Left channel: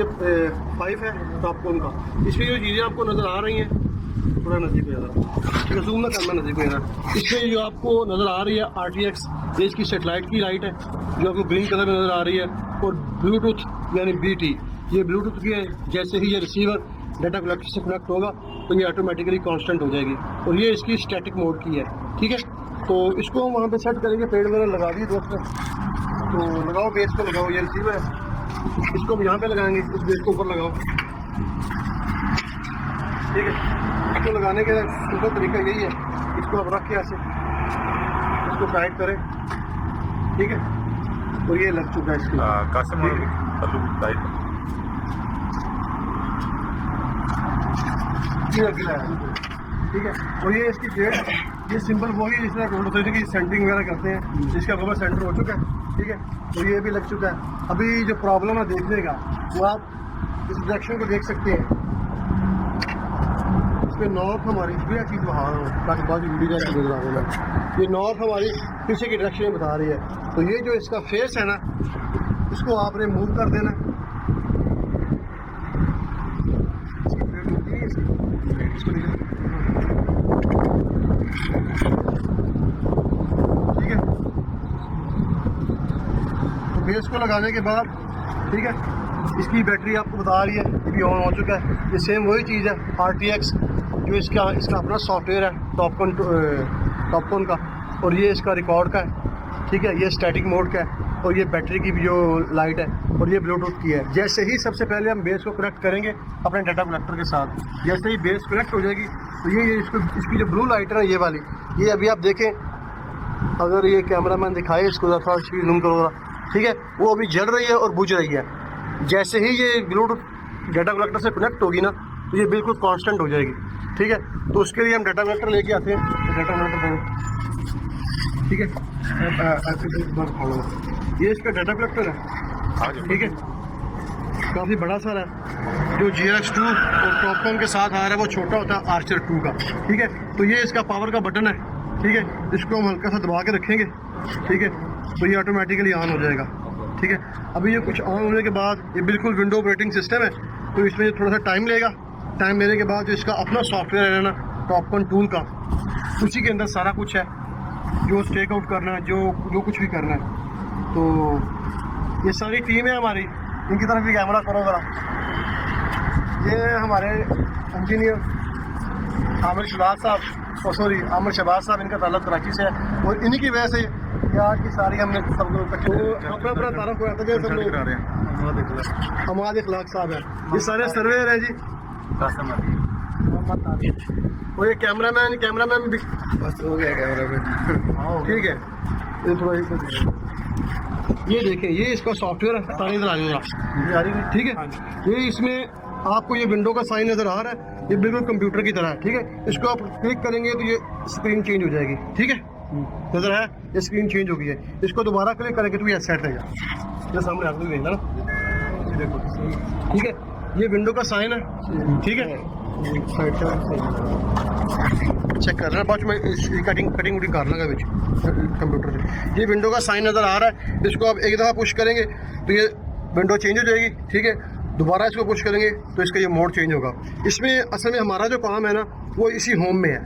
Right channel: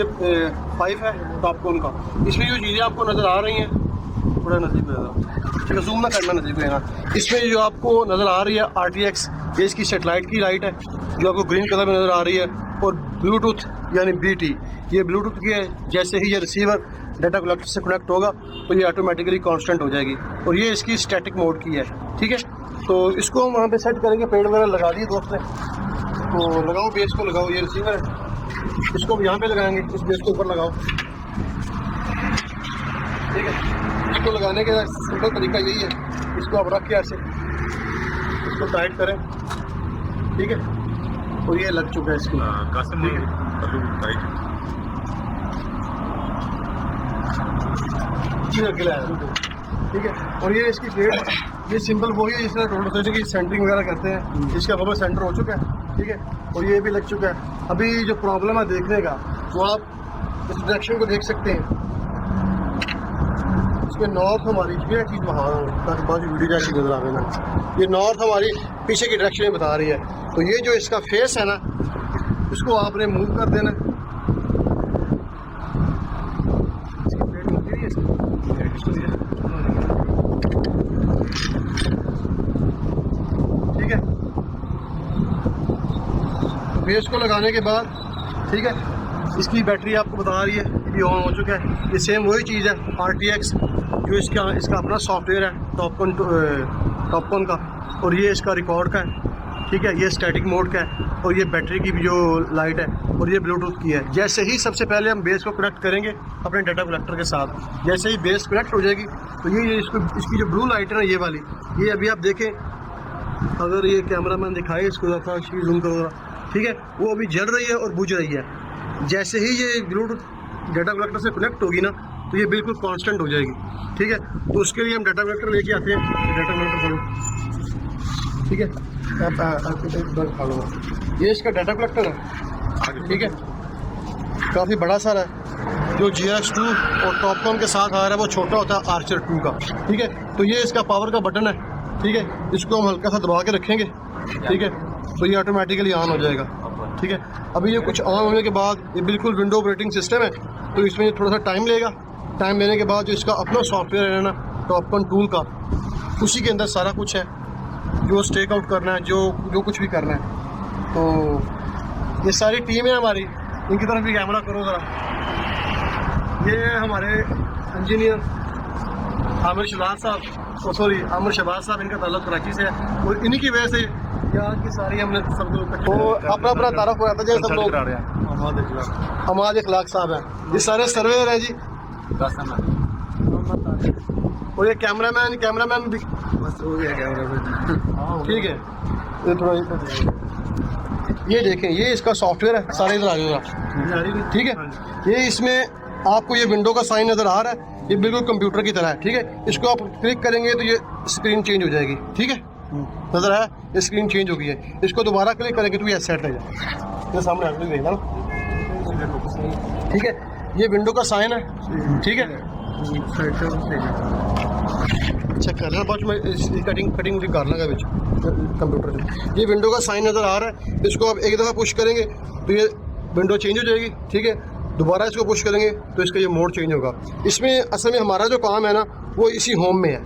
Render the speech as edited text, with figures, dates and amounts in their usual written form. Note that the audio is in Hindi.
ये पाइप है टॉपकॉन का, इसमें जो चीज़ें आपको नज़र आ रही हैं, थोड़ा नज़दीक हो जाता, ठीक है, जूम ना करना, नज़दीक हो जाना। इसमें जो आपको नज़र आ रही है RTX, ये इसकी सेटेलाइट की लाइट है जो आपको ग्रीन कलर में नज़र आ रही है, और ब्लूटूथ यानी BT, ये ब्लूटूथ की है। जैसे ही ये रिसीवर डाटा कलेक्टर से कनेक्ट होगा तो ये ऑटोमेटिकली कांस्टेंट हो जाएगी, और ये इसकी स्टैटिक मोड की है, ठीक है। तो इसको हम वहाँ पे सेट करेंगे, पेड़ वगैरह लगा दिए दोस्त ने, तो लगाओ बेस को लगाओ, ये रिसीवर है, इसको हम यहाँ पे लगाएंगे, इस बेस को ऊपर लगाओ, ठीक है। इसको लगाने का सिंपल तरीका यही है, इसको आप रख के ऐसे इसको टाइट करें, ठीक है, और ये लग चुका है इसकी टाइट, गिला है, ठीक है। और ये इसकी प्लेट, ये सिंपल वही है जिस तरह रोटेशन की सेंटरिंग वगैरह करते हैं, इसका कवर सेंटर हो चुका है, ठीक है, और ये भी लग चुका है। अभी जो प्रॉब्लम है देखने का, वो आप इस डायरेक्शन को देख सकते हैं, इसमें नॉर्थ हमारी ये चीज़ वहाँ ताकि बहुत वीडियो जैसे नजर आएगा, ये नॉर्थ हमारी पीछे की डायरेक्शन में बता रही है। तो ये जो इसका फेस है ना, इसको आपने मूव कर देना, इसकी प्लेट होती नहीं है, इसको ठीक है। तो बेस को लगाने के बाद, ठीक है, इसकी बैटरी आपको बता रही है, ये भी ऑन हो चुका है। ये सेम वही चीज़ है RTX, जो इसका अपना सॉफ्टवेयर है टॉपकॉन का, और ये इसका रिकॉर्ड का है, ठीक है, ये स्टैटिक मोड का है, और ये बैटरी की भी जो लाइट है, और ये ब्लूटूथ की है। जैसे ही सबसे पहले हम बेस को कनेक्ट करेंगे अपने डाटा कलेक्टर के साथ, जैसे ही बेस कनेक्ट हो जाएगी तो ये इसकी जो ब्लू लाइट है ना, ये वाली, ये अभी आप देखें, अगर ये कैमरामैन दिखाए इसको थोड़ा इसकी जूम करो, ठीक है, वो अभी जल रही है और बुझ रही है। जैसे ही ये ब्लूटूथ डाटा कलेक्टर से कनेक्ट होगी ना, तो ये बिल्कुल कांस्टेंट हो जाएगी, ठीक है। तो उसके लिए हम डाटा कलेक्टर लेके आते हैं, डाटा कलेक्टर, ठीक है, ये इसका डाटा कलेक्टर है, ठीक है, काफ़ी बड़ा सारा है। जो GRX2 और टॉपकॉन के साथ आ रहा है वो छोटा होता है आर्चर 2 का, ठीक है। तो ये इसका पावर का बटन है, ठीक है, इसको हम हल्का सा दबा के रखेंगे, ठीक है, तो ये ऑटोमेटिकली ऑन हो जाएगा, ठीक है। अभी ये कुछ ऑन होने के बाद ये बिल्कुल विंडो ऑपरेटिंग सिस्टम है, तो इसमें थोड़ा सा टाइम लेगा। टाइम लेने के बाद जो इसका अपना सॉफ्टवेयर है ना टॉपकॉन टूल का, उसी के अंदर सारा कुछ है, जो स्टेक आउट करना है, जो कुछ भी करना है। तो ये सारी टीम है हमारी, इनकी तरफ भी कैमरा करो ज़रा। ये हमारे इंजीनियर आमिर शहबाज साहब, आमिर शहबाज साहब, इनका ताल्लुक कराची से है, और इन्हीं की वजह से यहाँ की सारी हमने सब लोग तो अपना तारफ हो जाता है। जैसे सब लोग हमाद इखलाक साहब हैं, ये सारे सर्वेयर हैं जी, और ये कैमरामैन भी बस हो गया कैमरामैन, ठीक है। ये थोड़ा ये देखें, ये इसका सॉफ्टवेयर है, सारे इधर आ जाएगा, ठीक है। ये इसमें आपको ये विंडो का साइन नज़र आ रहा है, ये बिल्कुल कंप्यूटर की तरह है, ठीक है। इसको आप क्लिक करेंगे तो ये स्क्रीन चेंज हो जाएगी, ठीक है, नज़र आया, ये स्क्रीन चेंज हो गई है। इसको दोबारा क्लिक करेंगे तो ये सेट रहेगा, ये सामने आपको देखना, ठीक है। ये विंडो का साइन है, ठीक है, चेक कर लेना, बाद में कटिंग वटिंग कर लगा बीच कंप्यूटर से। ये विंडो का साइन नज़र आ रहा है, इसको आप एक दफ़ा पुश करेंगे तो ये विंडो चेंज हो जाएगी, ठीक है। दोबारा इसको पुश करेंगे तो इसका ये मोड चेंज होगा। इसमें असल में हमारा जो काम है ना, वो इसी होम में है,